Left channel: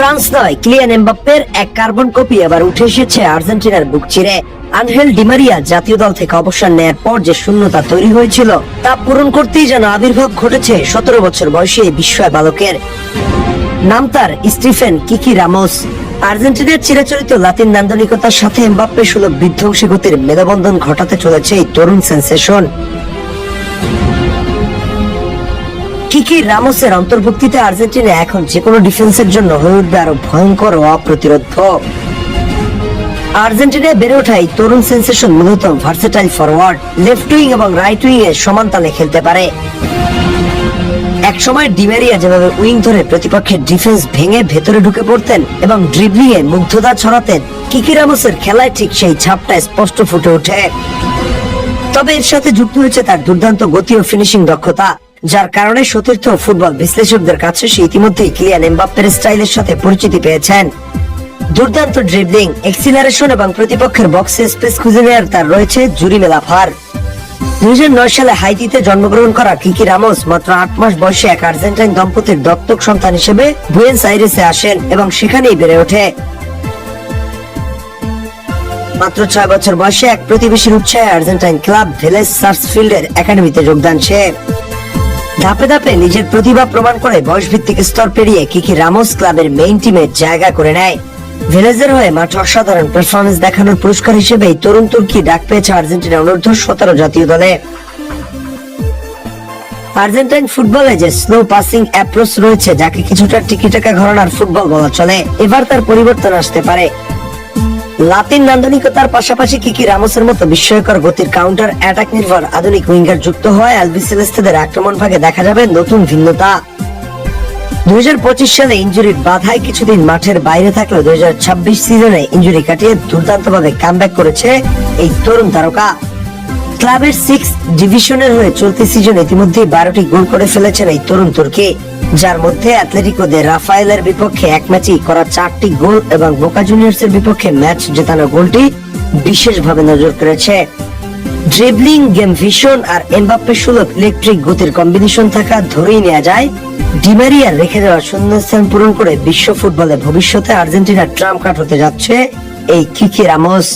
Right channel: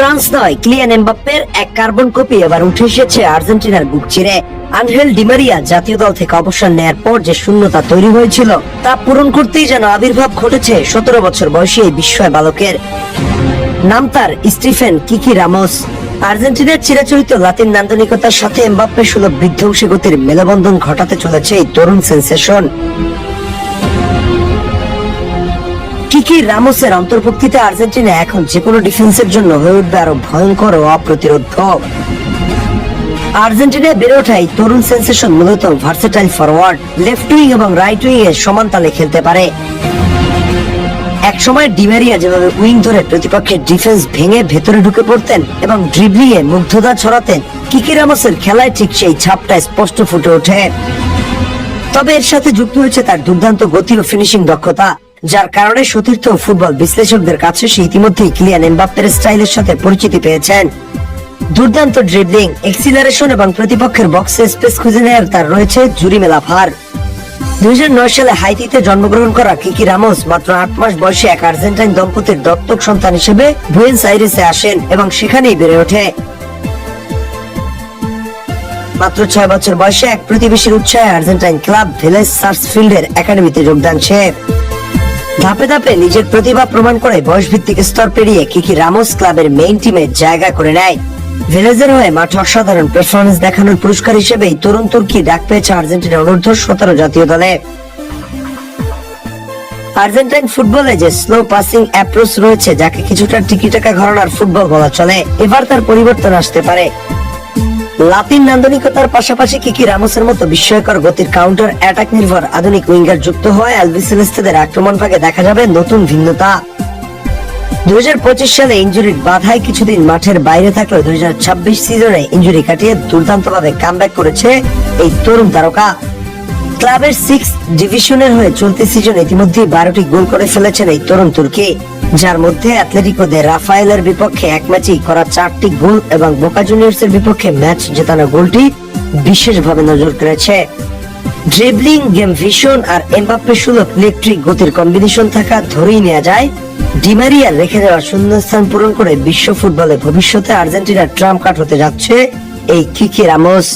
France নয়, Kylian এমবাপ্পের এক কার্বন কপি এবার উঠে এসেছে আর্জেন্টিনার বুক চিরে। আনহেল ডি মারিয়া জাতীয় দল থেকে অবসর নেয়ার পর যে শূন্যতা তৈরি হয়েছিল তা পূরণ করতেই যেন আবির্ভাব ঘটেছে 17 বছর বয়সী এই বিস্ময় বালকের। নাম তার স্টিফেন কিকি রামোস। আর্জেন্টিনার চিরাচরিত লাতিন নান্দনিকতার সাথে এমবাপ্পে সুলভ বিধ্বংসী গতির মেলবন্ধন ঘটাতে চলেছে এই তরুণ সেন্সেশন। কিকি রামোসের অন্তর্ভুক্তিতে আর্জেন্টিনা এখন যে কোনো ডিফেন্সের জন্য হয়ে উঠবে আরো ভয়ঙ্কর ও অপ্রতিরোধ। আর্জেন্টিনায় বেড়ে ওঠা এই তরুণ সেন্সেশন মূলত ভার্সেটাইল ফরওয়ার্ড, লেফট উইং এবং রাইট উইং এর সমান তালে খেলতে পারে। এক সময় ডি মারিয়া যেভাবে উইং ধরে প্রতিপক্ষের ডিফেন্স ভেঙে ভেতরে ঢুকে পড়তেন এবং ড্রিবলিং এ মুগ্ধতা ছড়াতেন, কিকি রামোসের খেলায় ঠিক সেই ছাপটা স্পষ্ট ফুটে ওঠে। তবে এর সাথে যুক্ত হয়েছে তার দুর্দান্ত গতি ও ফিনিশিং দক্ষতা, যার কারণে সতীর্থ ফুটবল বিশ্লেষকদের কাছে সে ইতিমধ্যেই কিলিয়ান এমবাপ্পের স্টাইলের সাথে পরিচিতি পেয়েছেন। দুর্দান্ত ড্রিবলিং, এক্সিলারেশন এবং প্রতিপক্ষের বক্সে স্পেস খুঁজে নেওয়ার তার রয়েছে জুরি মেলা ভার। 2009 সালে হাইতিতে জন্মগ্রহণ করা কিকি রামোস মাত্র 8 মাস বয়সে এক আর্জেন্টাইন দম্পতির দত্তক সন্তান হিসেবে বুয়েন্স আইরেসে আসেন এবং সেখানেই বেড়ে ওঠে। মাত্র 6 বছর বয়সে এক প্রতিবেশীর উৎসাহে আর্জেন্টাইন ক্লাব ভিলেজ সার্চফিল্ডের একাডেমিতে যোগদান সে। ধাপে ধাপে নিজের প্রতিভা প্রমাণ করে বয়স ভিত্তিক স্তর পেরিয়ে কিকি রামোস ক্লাবের মেইন টিমে জায়গা করে নেয়। ভিলেজের হয়ে মাঠে অসাধারণ পারফরমেন্স দেখানোর পুরস্কার হিসেবে তরুণ তুর্কি ডাক পেয়েছে আর্জেন্টিনা অনূর্ধ্ব 17 জাতীয় দলে। আর্জেন্টাইন ফুটবলে যে স্লো পাসিং অ্যাপ্রোচ রয়েছে, যাকে কিছুটা টিকিটাকা ঘরানার ফুটবল বলা চলে, এবার তার পরিবর্তন আসতে পারে। লাতিন নান্দনিকতার পাশাপাশি কিকি রামোসের মতো বিস্ময়কর গতির কাউন্টার অ্যাটাক নির্ভর আধুনিক উইঙ্গার যুক্ত হয় অ্যালবিসেলেস্তেদের আক্রমণ ভাগে দেখা যাবে নতুন ভিন্নতা। 2025 সালে ইনজুরির বাধায় কিছুদিন মাঠের বাইরে থাকলেও 2026 সিজনে ইনজুরি কাটিয়ে দুর্দান্ত ভাবে কামব্যাক করেছে এই তরুণ তারকা। ক্লাবের 6th ডিভিশনের হয়ে চলতি সিজনে ইতিমধ্যে 12টি গোল করে ফেলেছেন এই তরুণ তুর্কি, যার মধ্যে অ্যাটলেটিকো দে রাফায়েলের বিপক্ষে এক ম্যাচেই করা 4টি গোল এবং বোকা জুনিয়র্স এর বিপক্ষে ম্যাচ জেতানোর গোলটি বিশেষভাবে নজর কেড়েছে। ড্রিবলিং, গেম ভিশন আর এমবাপ্পের সুলভ ইলেকট্রিক গতির কম্বিনেশন থাকা ধরেই নেওয়া যায় ডি মারিয়ার রেখে যাওয়া শূন্যস্থান পূরণ করে বিশ্ব ফুটবলে ভবিষ্যতে আর্জেন্টিনার ট্রাম্প কার্ড হতে যাচ্ছে এই কিকি রামোস।